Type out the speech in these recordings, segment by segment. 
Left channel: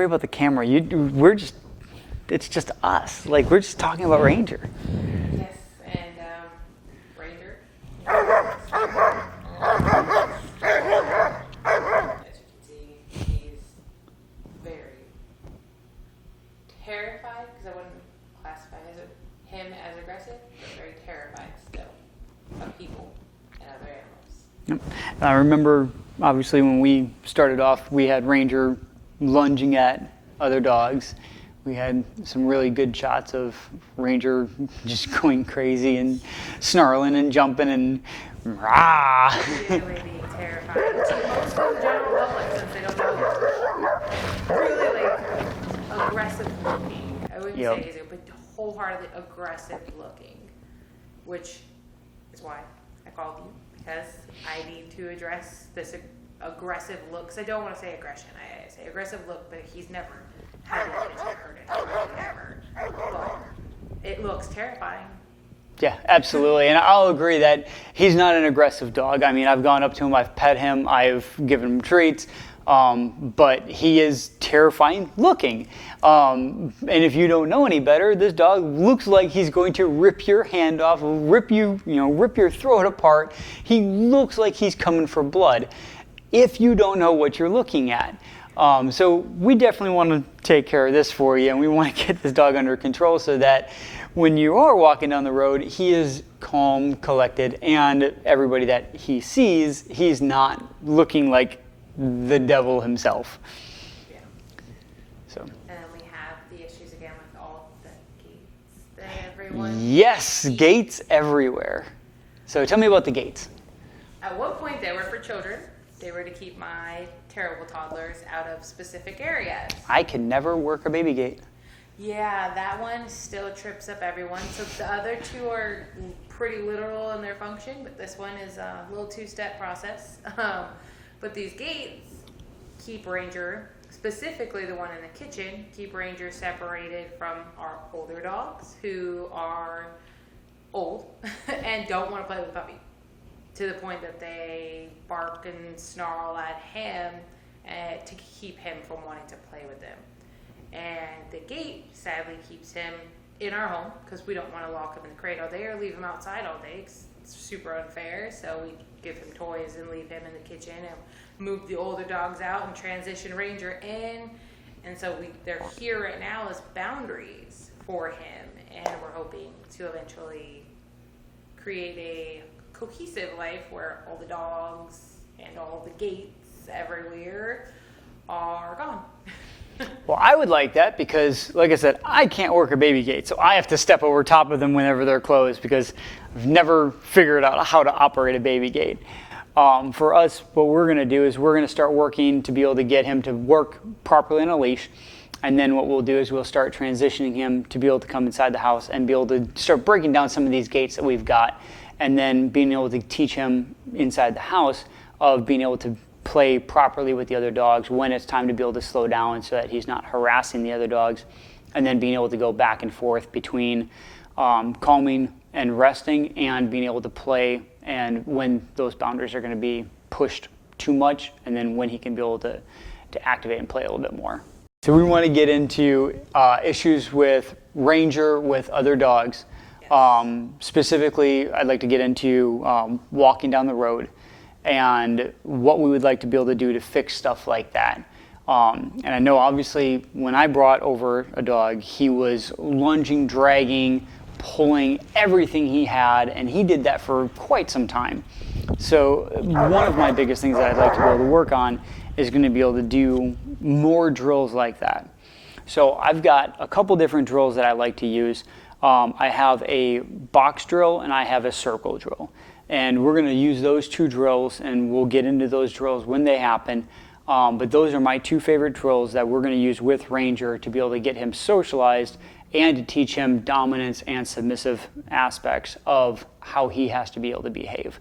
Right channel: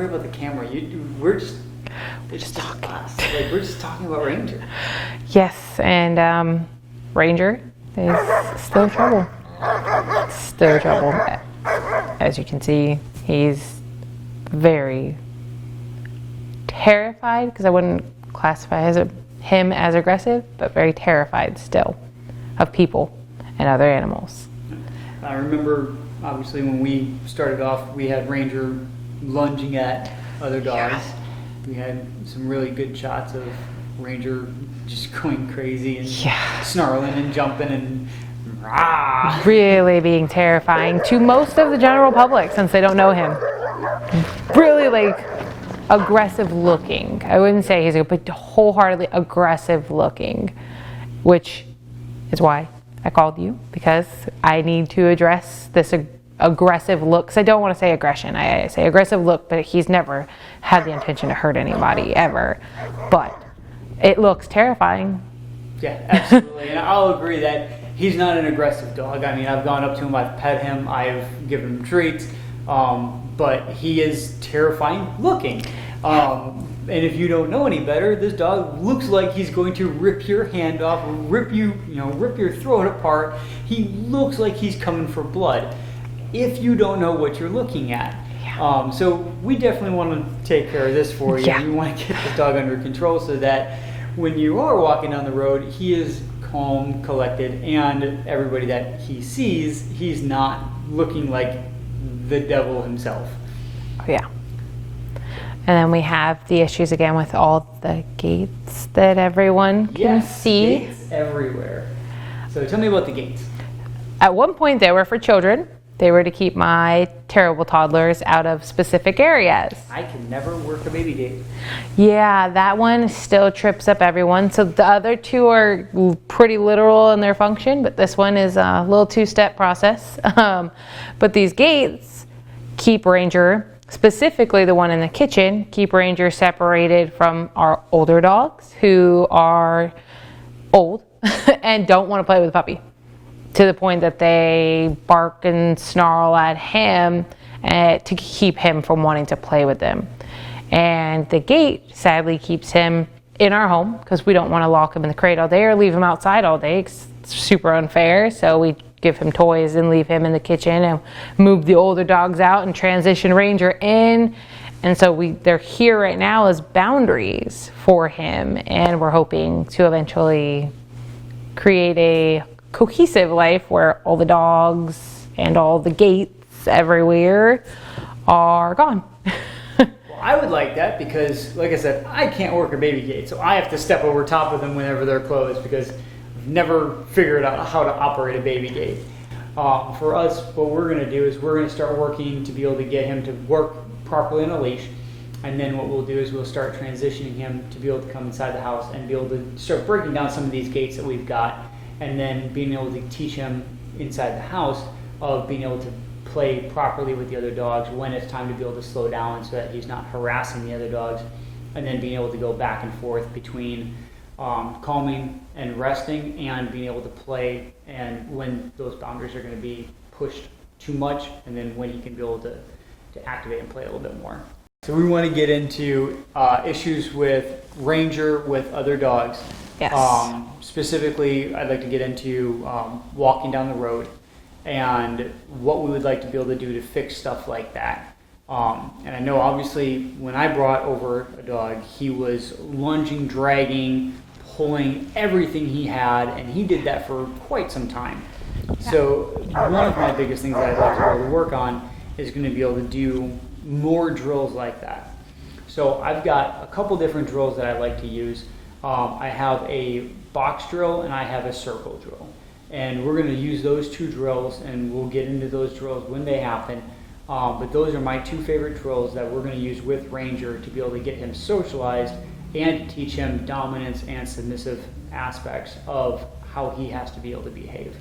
worry about the camera. It's just us. Like, we're just talking about Ranger. Yes, and Ranger is still trouble. Still trouble. As you can see, he's very terrified, because I wouldn't classify him as aggressive, but very terrified still of people and other animals. I remember, obviously, when we started off, we had Ranger lunging at other dogs. We had some really good shots of Ranger just going crazy and snarling and jumping and rah. Really being terrifying to most of the general public, since they don't know him. Really, like, aggressive looking. I wouldn't say he's but wholeheartedly aggressive looking, which is why I called you, because I need to address this aggressive look. Because I don't want to say aggression. I say aggressive look, but he's never had the intention to hurt anybody ever. But it looks terrifying. Yeah, absolutely. And I'll agree that he's not an aggressive dog. I mean, I've gone up to him, I've pet him, I've given him treats, but he is terrifying looking. And if you don't know any better, this dog looks like he's going to rip your hand off, rip your throat apart. He looks like he's coming for blood if you don't know what you're looking at. So we definitely want to take care of this for you. And you want to get this dog under control so that when you are walking down the road, he is calm, collected, and everybody that he sees, he's not looking like the devil himself. Yeah. And then we have the issues again with all the gates that everyone can see. Gates everywhere. So tell me about the gates. At one point, they were for children. They were to keep my terrible toddlers out of specific areas. I could never work a baby gate. Yeah, that one still trips up everyone. So the other two are pretty literal in their function, but this one is a little two-step process. But these gates keep Ranger, specifically the one in the kitchen, keep Ranger separated from our older dogs who are old and don't want to play with the puppy, to the point that they bark and snarl at him to keep him from wanting to play with them. And the gate sadly keeps him in our home, because we don't want to lock him in the crate all day or leave him outside all day. It's super unfair. So we give him toys and leave him in the kitchen and move the older dogs out and transition Ranger in. And so they're here right now as boundaries for him, and we're hoping to eventually create a cohesive life where all the dogs and all the gates everywhere are gone. Well, I would like that because, like I said, I can't work a baby gate, so I have to step over top of them whenever they're closed because I've never figured out how to operate a baby gate. For us, what we're going to do is we're going to start working to be able to get him to work properly on a leash, and then what we'll do is we'll start transitioning him to be able to come inside the house and be able to start breaking down some of these gates that we've got, and then being able to teach him inside the house of being able to play properly with the other dogs when it's time to be able to slow down so that he's not harassing the other dogs, and then being able to go back and forth between calming and resting and being able to play, and when those boundaries are going to be pushed too much, and then when he can be able to activate and play a little bit more. So we want to get into issues with Ranger with other dogs. Yes. Specifically, I'd like to get into walking down the road and what we would like to be able to do to fix stuff like that. And I know obviously when I brought over a dog, he was lunging, dragging, pulling everything he had, and he did that for quite some time. So one of my biggest things that I'd like to be able to work on is going to be able to do more drills like that. So I've got a couple different drills that I like to use. I have a box drill and I have a circle drill. And we're going to use those two drills, and we'll get into those drills when they happen. But those are my two favorite drills that we're going to use with Ranger to be able to get him socialized and to teach him dominance and submissive aspects of how he has to be able to behave.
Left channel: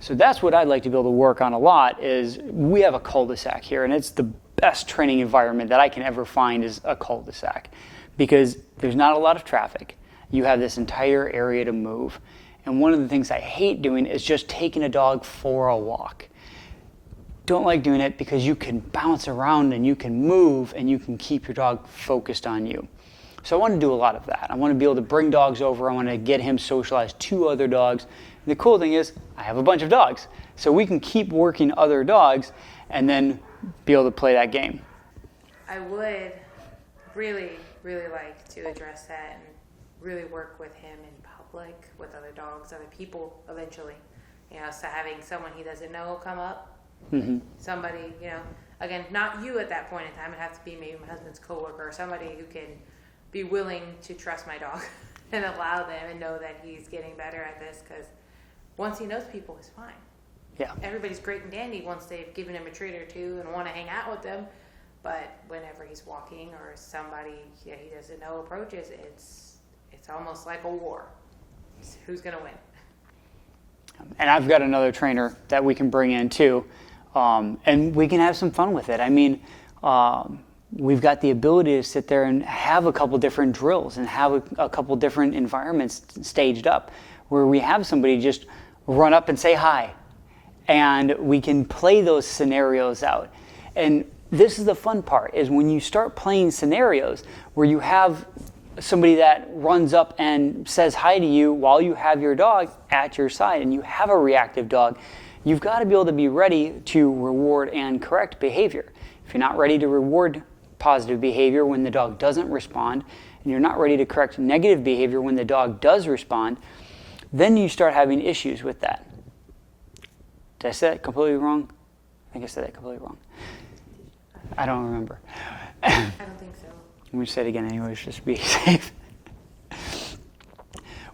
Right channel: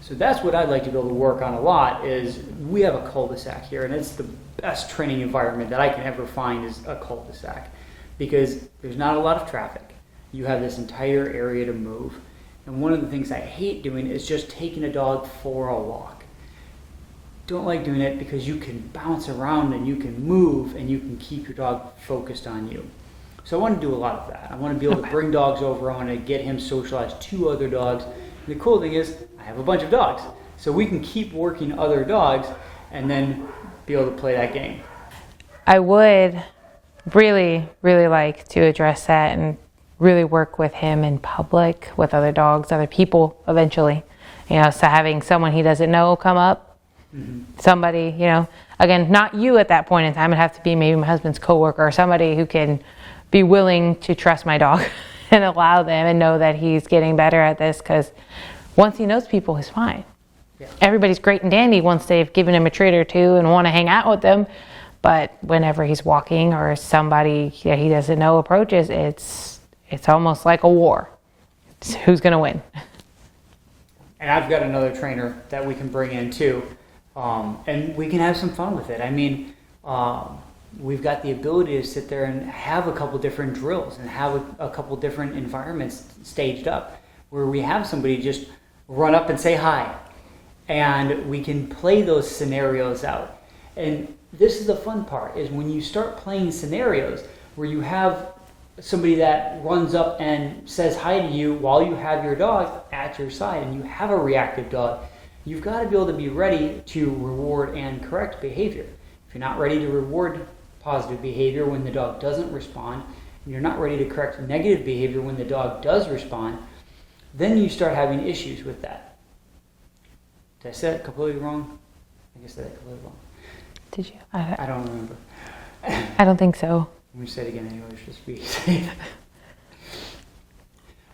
So that's what I'd like to be able to work on a lot. Is we have a cul-de-sac here, and it's the best training environment that I can ever find is a cul-de-sac, because there's not a lot of traffic. You have this entire area to move. And one of the things I hate doing is just taking a dog for a walk. don't like doing it because you can bounce around and you can move and you can keep your dog focused on you. So I want to do a lot of that. I want to be able to bring dogs over. I want to get him socialized to other dogs. And the cool thing is I have a bunch of dogs. So we can keep working other dogs and then be able to play that game. I would really, really like to address that and really work with him in public, with other dogs, other people eventually. So having someone he doesn't know come up, somebody, again, not you at that point in time. It'd have to be maybe my husband's coworker or somebody who can be willing to trust my dog and allow them and know that he's getting better at this, because once he knows people, he's fine. Yeah. Everybody's great and dandy once they've given him a treat or two and want to hang out with them. But whenever he's walking or somebody that he doesn't know approaches, it's almost like a war. It's who's going to win? And I've got another trainer that we can bring in too. And we can have some fun with it. I mean, we've got the ability to sit there and have a couple different drills and have a couple different environments staged up where we have somebody just run up and say hi. And we can play those scenarios out. And this is the fun part, is when you start playing scenarios where you have somebody that runs up and says hi to you while you have your dog at your side and you have a reactive dog, you've got to be able to be ready to reward and correct behavior. If you're not ready to reward positive behavior when the dog doesn't respond, and you're not ready to correct negative behavior when the dog does respond, then you start having issues with that. Did I say that completely wrong? I think I said that completely wrong. Did you? I don't remember. I don't think so. I'm going to say it again anyways, just to be safe.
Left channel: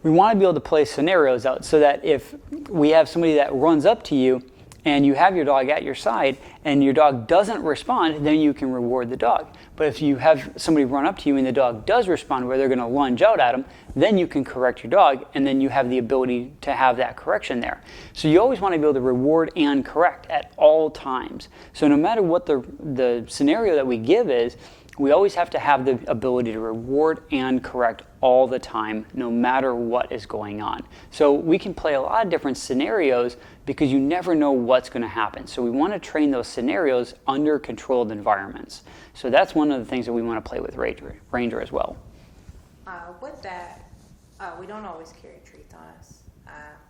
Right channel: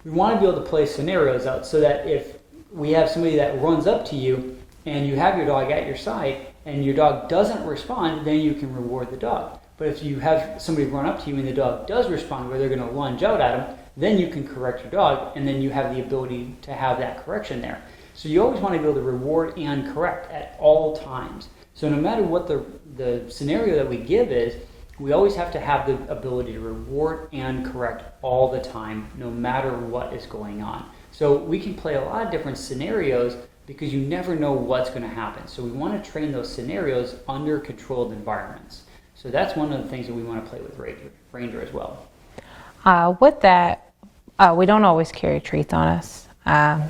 We want to be able to play scenarios out so that if we have somebody that runs up to you and you have your dog at your side and your dog doesn't respond, then you can reward the dog. But if you have somebody run up to you and the dog does respond where they're going to lunge out at them, then you can correct your dog, and then you have the ability to have that correction there. So you always want to be able to reward and correct at all times. So no matter what the scenario that we give is, we always have to have the ability to reward and correct all the time, no matter what is going on. So we can play a lot of different scenarios because you never know what's going to happen. So we want to train those scenarios under controlled environments. So that's one of the things that we want to play with Ranger as well. With that, we don't always carry treats on us.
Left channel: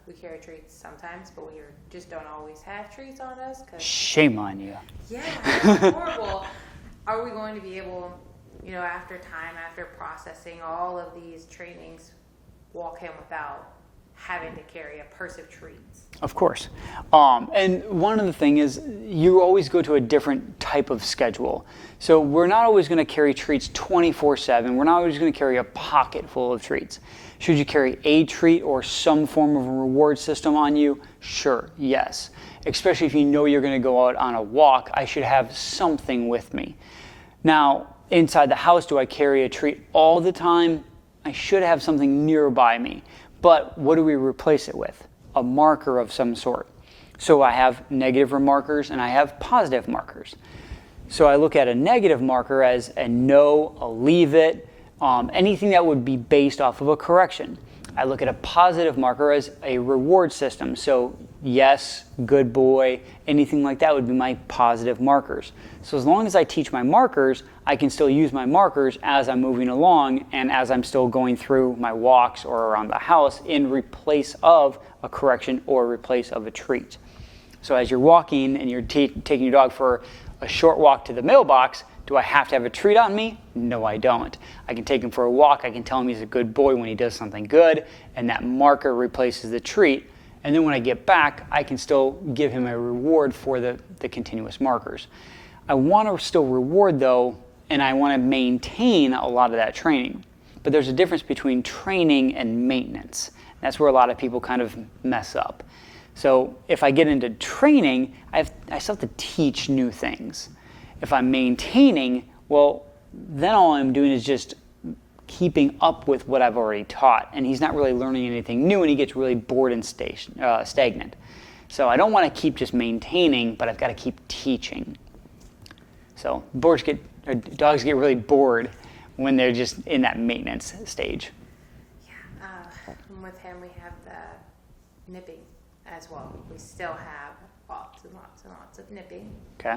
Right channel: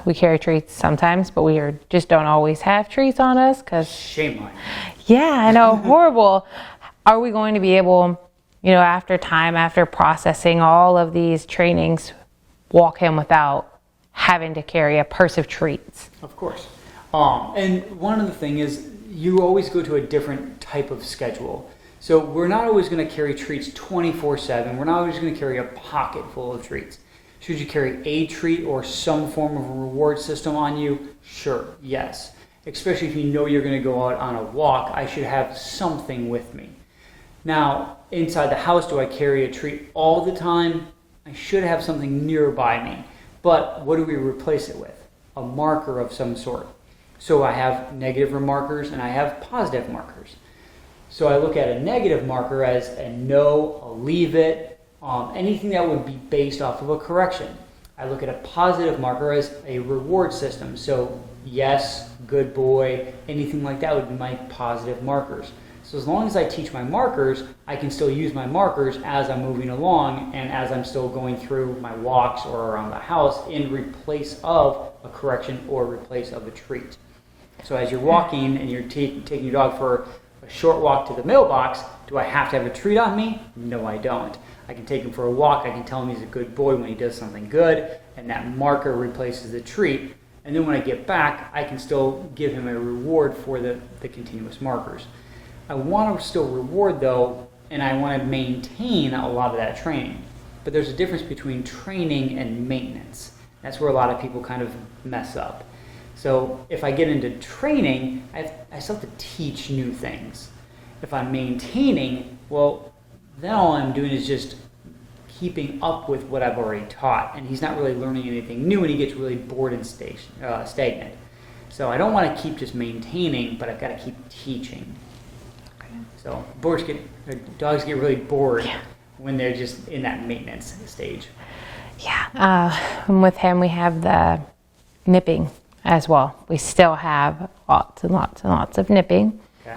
We carry treats sometimes, but we just don't always have treats on us. Shame on you. Yeah, I know, horrible. Are we going to be able, after processing all of these trainings, walk him without having to carry a purse of treats? Of course. And one of the things is you always go to a different type of schedule. So we're not always going to carry treats 24/7. We're not always going to carry a pocket full of treats. Should you carry a treat or some form of a reward system on you? Sure, yes. Especially if you know you're going to go out on a walk, I should have something with me. Now, inside the house, do I carry a treat all the time? I should have something nearby me. But what do we replace it with? A marker of some sort. So I have negative markers and I have positive markers. So I look at a negative marker as a no, a leave it, anything that would be based off of a correction. I look at a positive marker as a reward system. So yes, good boy, anything like that would be my positive markers. So as long as I teach my markers, I can still use my markers as I'm moving along and as I'm still going through my walks or around the house in replace of a correction or replace of a treat. So as you're walking and you're taking your dog for a short walk to the mailbox, do I have to have a treat on me? No, I don't. I can take him for a walk. I can tell him he's a good boy when he does something good, and that marker replaces the treat. And then when I get back, I can still give him a reward for the continuous markers. I want to still reward though, and I want to maintain a lot of that training. But there's a difference between training and maintenance. That's where a lot of people kind of mess up. So if I get into training, I still have to teach new things. If I'm maintaining, well, then all I'm doing is just keeping up with what I've already taught, and he's not really learning anything new, and he gets really bored and stagnant. So I don't want to keep just maintaining, but I've got to keep teaching. So dogs get really bored when they're just in that maintenance stage. Yeah, and with him we have the nipping as well. We still have lots and lots and lots of nipping. Okay.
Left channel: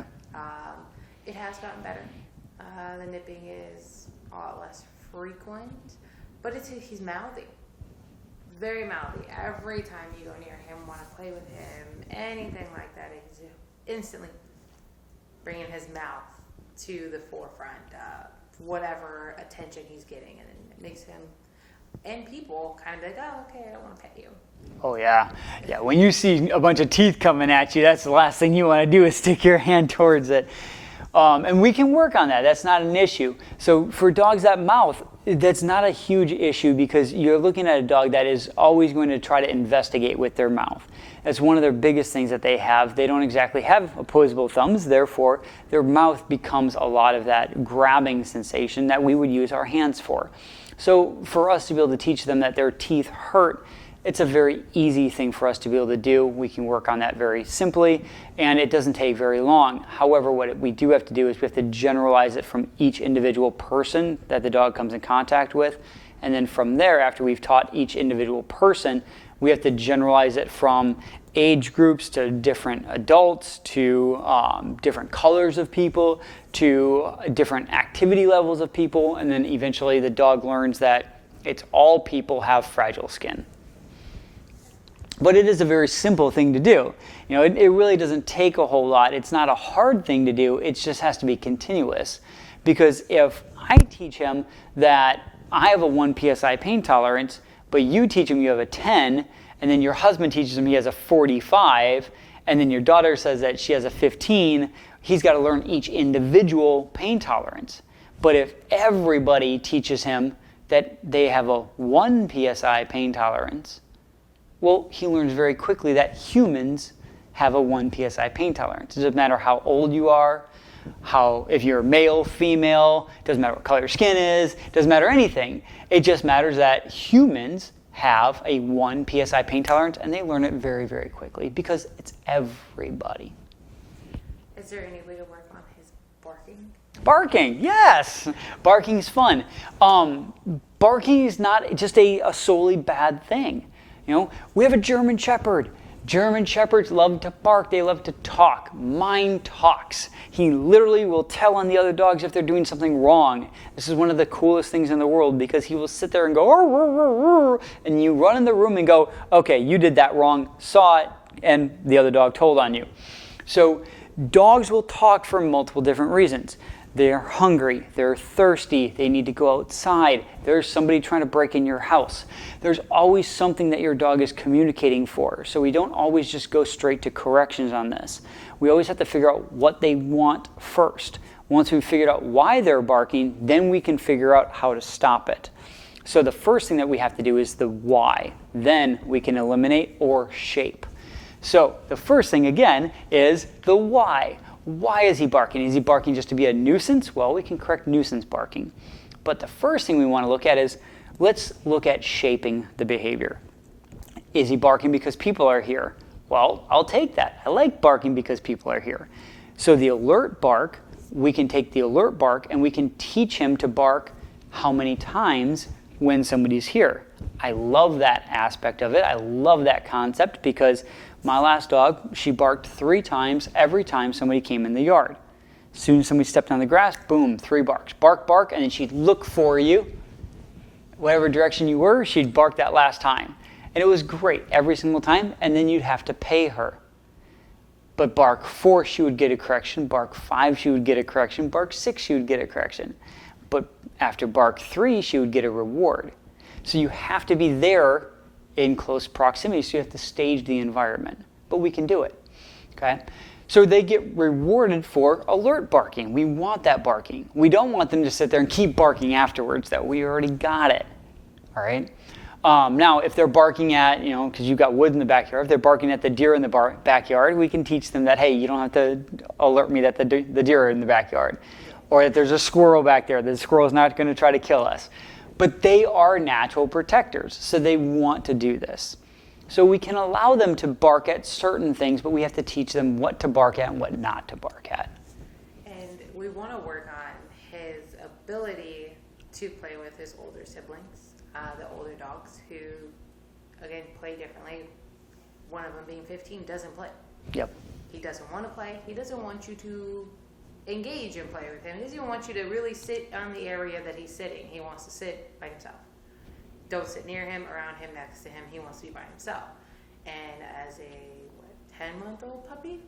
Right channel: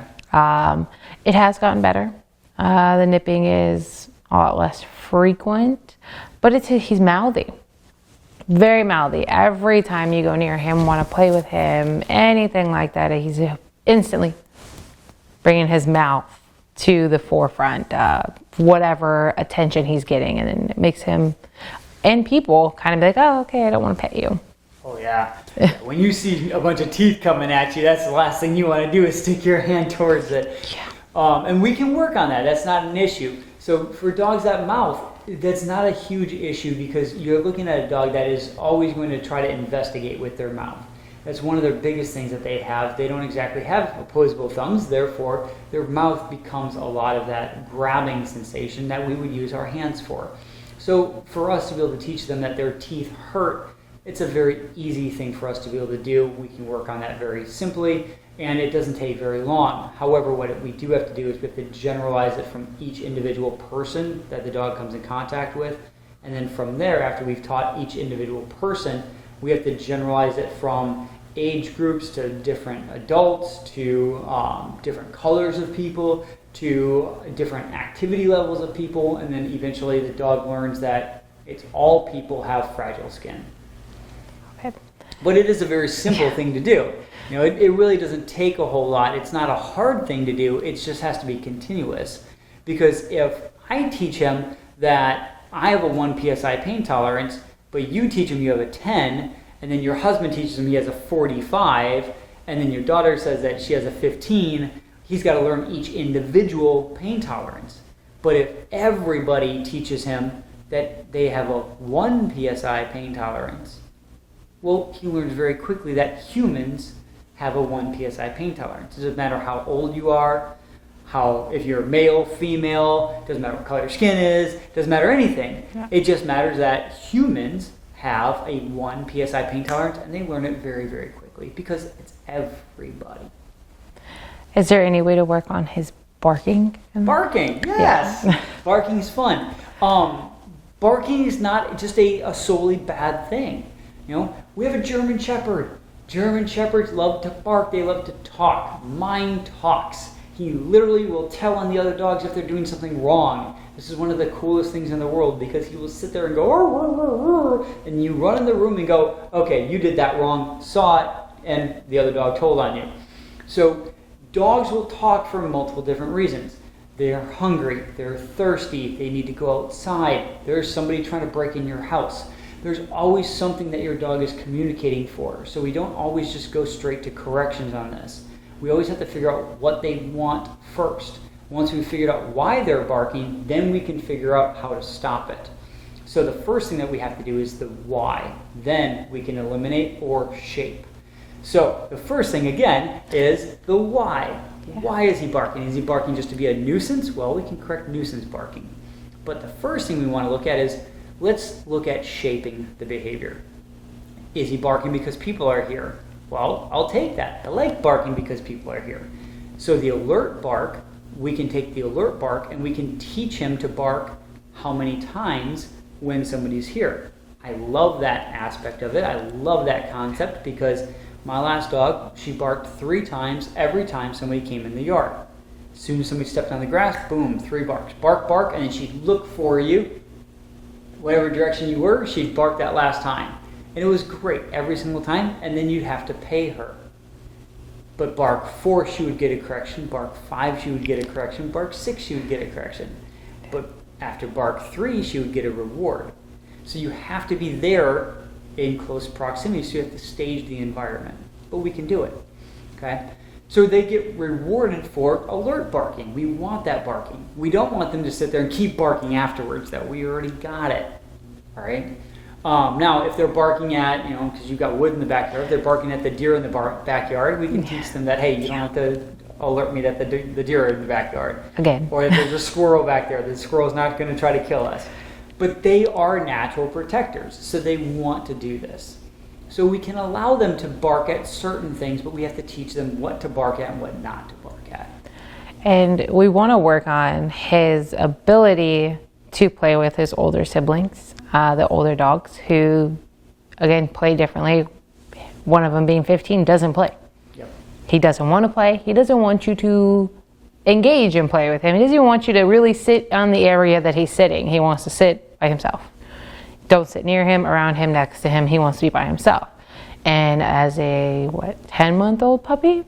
It has gotten better. The nipping is a lot less frequent, but he's mouthy. Very mouthy. Every time you go near him, want to play with him, anything like that, he's instantly bringing his mouth to the forefront of whatever attention he's getting, and then it makes him and people kind of be like, oh, okay, I don't want to pet you. Oh yeah. Yeah. When you see a bunch of teeth coming at you, that's the last thing you want to do is stick your hand towards it. Yeah. And we can work on that. That's not an issue. So for dogs that mouth, that's not a huge issue because you're looking at a dog that is always going to try to investigate with their mouth. That's one of their biggest things that they have. They don't exactly have opposable thumbs, therefore their mouth becomes a lot of that grabbing sensation that we would use our hands for. So for us to be able to teach them that their teeth hurt, it's a very easy thing for us to be able to do. We can work on that very simply, and it doesn't take very long. However, what we do have to do is we have to generalize it from each individual person that the dog comes in contact with. And then from there, after we've taught each individual person, we have to generalize it from age groups to different adults, to different colors of people, to different activity levels of people, and then eventually the dog learns that it's all people have fragile skin. Okay. But it is a very simple thing to do. You know, it really doesn't take a whole lot. It's not a hard thing to do. It just has to be continuous. Because if I teach him that I have a 1 psi pain tolerance, but you teach him you have a 10, and then your husband teaches him he has a 45, and then your daughter says that she has a 15, he's got to learn each individual pain tolerance. But if everybody teaches him that they have a 1 psi pain tolerance, well, he learns very quickly that humans have a 1 psi pain tolerance. It doesn't matter how old you are, if you're male, female, doesn't matter what color your skin is, doesn't matter anything. Yeah. It just matters that humans have a 1 psi pain tolerance, and they learn it very, very quickly because it's everybody. Is there any way to work on his barking? Barking, yes. Yeah. Barking is fun. Barking is not just a solely bad thing. You know, we have a German Shepherd. German Shepherds love to bark. They love to talk. Mine talks. He literally will tell on the other dogs if they're doing something wrong. This is one of the coolest things in the world because he will sit there and go, "Arr, arr, arr," and you run in the room and go, okay, you did that wrong, saw it, and the other dog told on you. So dogs will talk for multiple different reasons. They're hungry, they're thirsty, they need to go outside, there's somebody trying to break in your house. There's always something that your dog is communicating for. So we don't always just go straight to corrections on this. We always have to figure out what they want first. Once we've figured out why they're barking, then we can figure out how to stop it. So the first thing that we have to do is the why. Then we can eliminate or shape. So the first thing, again, is the why. Why is he barking? Is he barking just to be a nuisance? Well, we can correct nuisance barking. But the first thing we want to look at is, let's look at shaping the behavior. Is he barking because people are here? Well, I'll take that. I like barking because people are here. So the alert bark, we can take the alert bark and we can teach him to bark how many times when somebody's here. I love that aspect of it. I love that concept because my last dog, she barked 3 times every time somebody came in the yard. As soon as somebody stepped on the grass, boom, 3 barks. Bark, bark, and then she'd look for you. Whatever direction you were, she'd bark that last time. And it was great every single time, and then you'd have to pay her. But bark 4, she would get a correction. Bark 5, she would get a correction. Bark 6, she would get a correction. But after bark 3, she would get a reward. So you have to be there in close proximity, so you have to stage the environment. But we can do it, okay? So they get rewarded for alert barking. We want that barking. We don't want them to sit there and keep barking afterwards, though. We already got it, all right? Now, if they're barking at, because you've got wood in the backyard, if they're barking at the deer in the backyard, we can teach them that, hey, you don't have to alert me that the deer are in the backyard. Again. Or that there's a squirrel back there. The squirrel's not going to try to kill us. But they are natural protectors, so they want to do this. So we can allow them to bark at certain things, but we have to teach them what to bark at and what not to bark at. And we want to work on his ability to play with his older siblings, the older dogs who, again, play differently. One of them being 15 doesn't play. Yep. He doesn't want to play. He doesn't want you to engage and play with him. He doesn't even want you to really sit on the area that he's sitting. He wants to sit by himself. Don't sit near him, around him, next to him. He wants to be by himself. And as a 10-month-old puppy,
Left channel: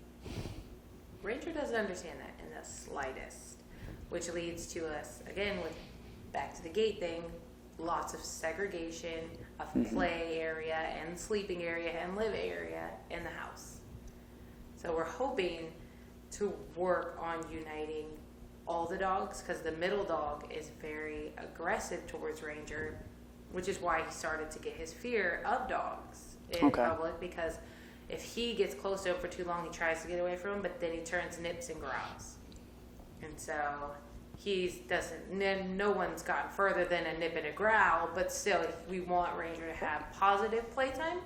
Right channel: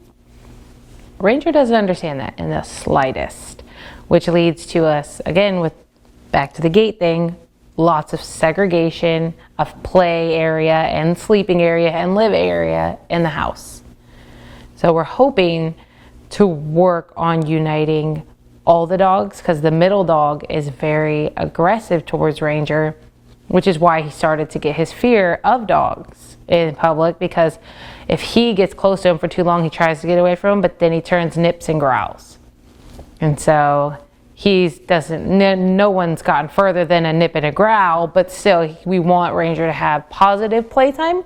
Ranger doesn't understand that in the slightest, which leads to us, again, with back to the gate thing, lots of segregation of play area and sleeping area and live area in the house. So we're hoping to work on uniting all the dogs, because the middle dog is very aggressive towards Ranger, which is why he started to get his fear of dogs in public, because if he gets close to him for too long, he tries to get away from him, but then he turns, nips, and growls. And so no one's gotten further than a nip and a growl, but still we want Ranger to have positive playtime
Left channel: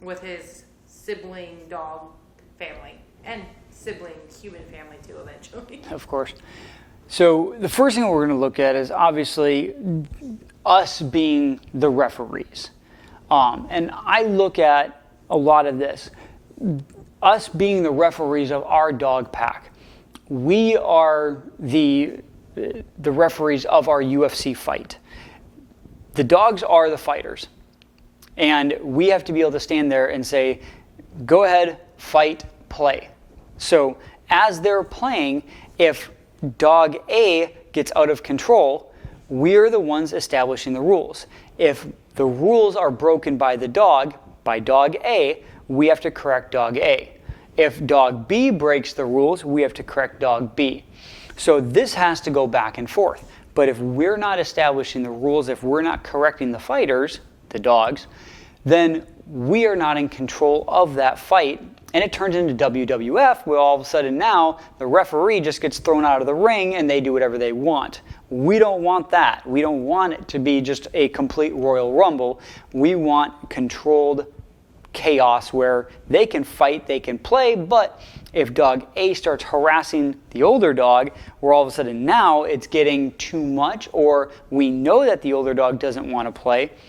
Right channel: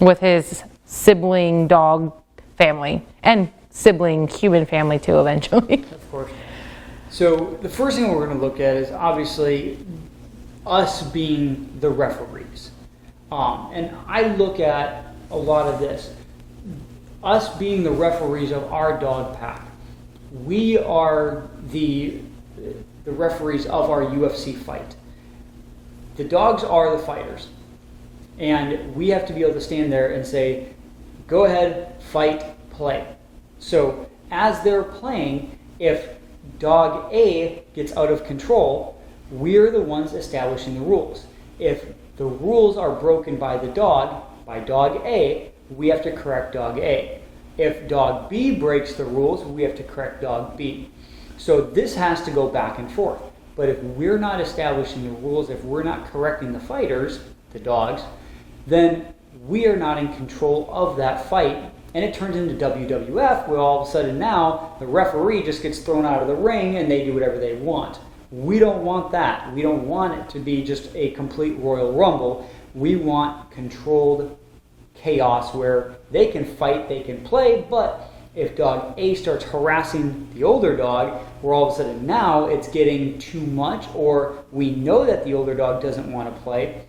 with his sibling dog family and sibling human family too eventually. Of course. So the first thing we're going to look at is obviously us being the referees. And I look at a lot of this. Us being the referees of our dog pack. We are the referees of our UFC fight. The dogs are the fighters. And we have to be able to stand there and say, go ahead, fight, play. So as they're playing, if dog A gets out of control, we're the ones establishing the rules. If the rules are broken by dog A, we have to correct dog A. If dog B breaks the rules, we have to correct dog B. So this has to go back and forth. But if we're not establishing the rules, if we're not correcting the fighters, the dogs, then we are not in control of that fight. And it turns into WWF, where all of a sudden now the referee just gets thrown out of the ring and they do whatever they want. We don't want that. We don't want it to be just a complete Royal Rumble. We want controlled chaos where they can fight, they can play, but if dog A starts harassing the older dog, where all of a sudden now it's getting too much, or we know that the older dog doesn't want to play,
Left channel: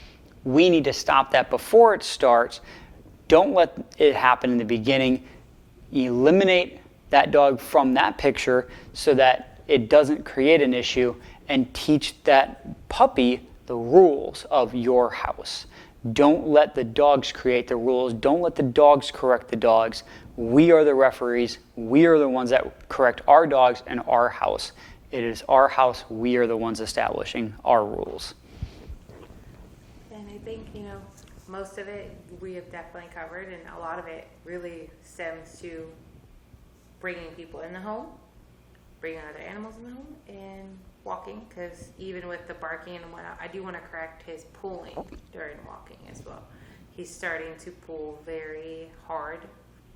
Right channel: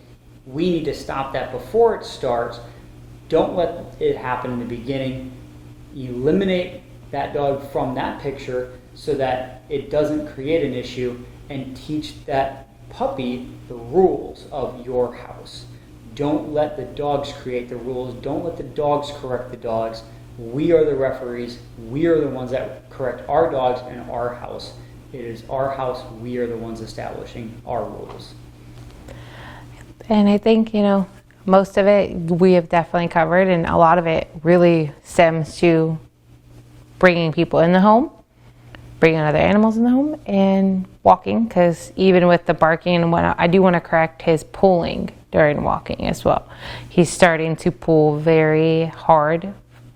we need to stop that before it starts. Don't let it happen in the beginning. Eliminate that dog from that picture so that it doesn't create an issue, and teach that puppy the rules of your house. Don't let the dogs create the rules. Don't let the dogs correct the dogs. We are the referees. We are the ones that correct our dogs in our house. It is our house. We are the ones establishing our rules. And I think, most of it we have definitely covered, and a lot of it really stems to bringing people in the home, bringing other animals in the home, and walking, because even with the barking and whatnot, I do want to correct his pulling during walking as well. He's starting to pull very hard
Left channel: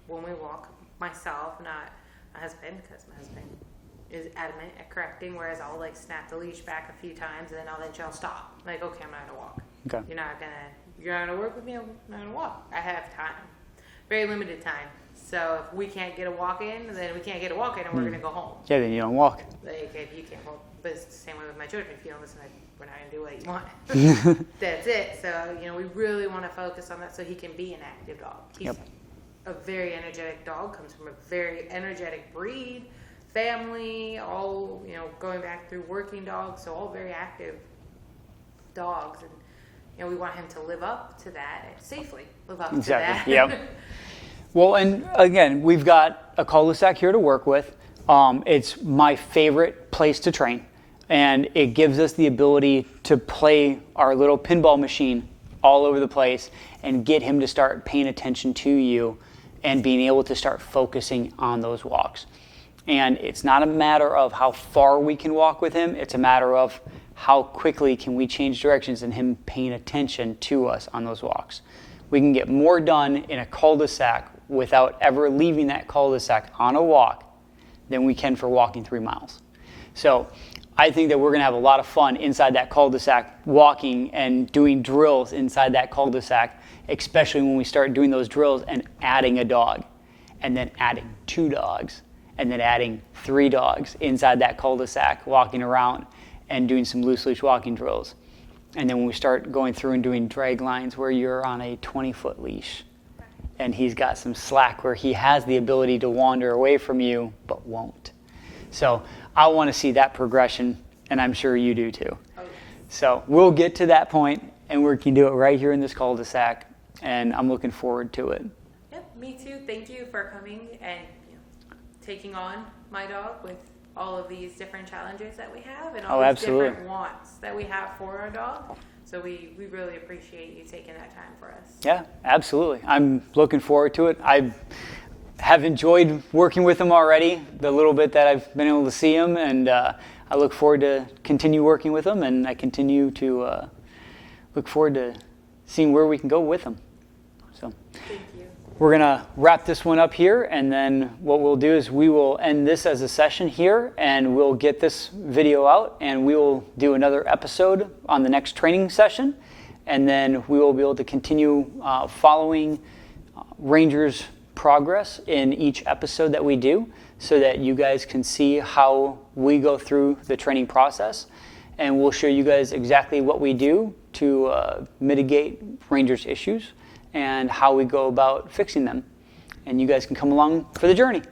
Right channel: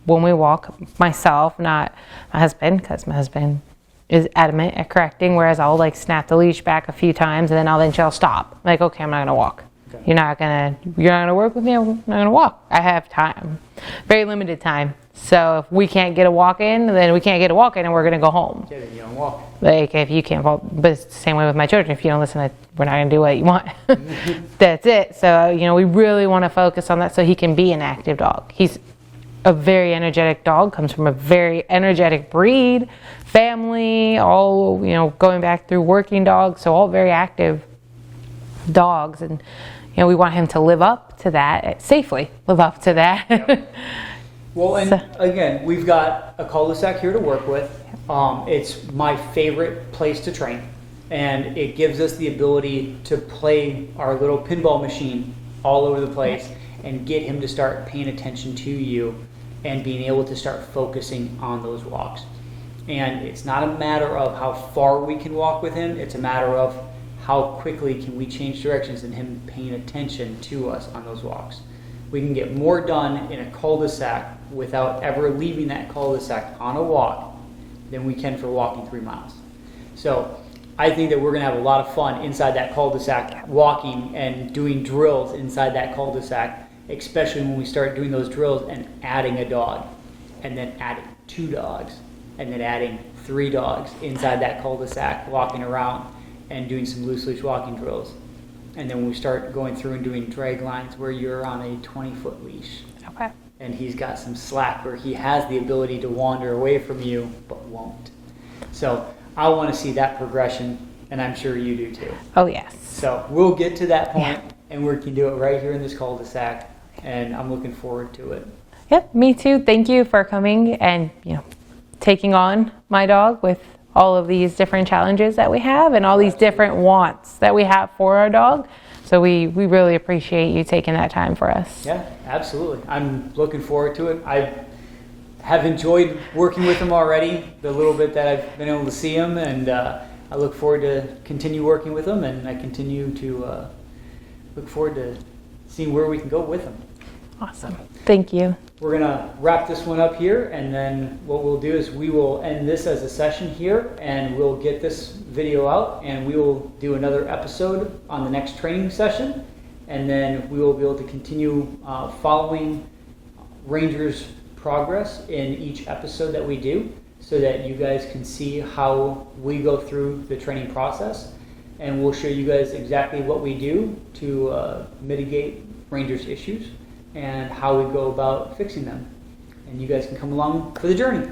when we walk. Myself, not my husband, because my husband is adamant at correcting, whereas I'll snap the leash back a few times and then I'll stop. Okay, I'm not going to walk. Okay. You're not gonna work with me, I'm not gonna walk. I have time. Very limited time. So if we can't get a walk in, then we can't get a walk in and we're gonna go home. Yeah, then you don't walk. If you can't walk, but it's the same way with my children. If you don't listen, we're not gonna do what you want. That's it. So, we really wanna focus on that so he can be an active dog. He's a very energetic dog, comes from a very energetic breed, family, all, going back through working dogs, so all very active dogs. And we want him to live up to that, safely live up to that. Yep. Well, and again, we've got a cul-de-sac here to work with. It's my favorite place to train, and it gives us the ability to play our little pinball machine all over the place and get him to start paying attention to you and being able to start focusing on those walks. And it's not a matter of how far we can walk with him, it's a matter of how quickly can we change directions and him paying attention to us on those walks. We can get more done in a cul-de-sac without ever leaving that cul-de-sac on a walk than we can for walking 3 miles. So I think that we're going to have a lot of fun inside that cul-de-sac, walking and doing drills inside that cul-de-sac, especially when we start doing those drills and adding a dog, and then adding 2 dogs, and then adding 3 dogs inside that cul-de-sac, walking around and doing some loose leash walking drills. And then when we start going through and doing drag lines where you're on a 20-foot leash, Okay. And he's got some slack where he has the ability to wander away from you, but won't. So I want to see that progression, and I'm sure you do too. Oh, yes. So we'll get to that point, and we can do it right here in this cul-de-sac, and I'm looking forward to it. Yep, me too. Thank you for coming and taking on my dog with all of these different challenges that we have and all these different wants that we have for our dog. So we really appreciate you taking that time for us. Yeah, absolutely. I'm looking forward to it. I have enjoyed working with him already, the little bit that I've been able to see him, and I look forward to continue working with him, and I continue to look forward to seeing where we can go with him. Awesome. Thank you. We're going to wrap this one up here, and then what we'll do is we will end this as a session here, and we'll get this video out, and we will do another episode on the next training session, and then we will be able to continue following Ranger's progress in each episode that we do, so that you guys can see how we go through the training process, and we'll show you guys exactly what we do to mitigate Ranger's issues and how we go about fixing them. And you guys can come along for the journey.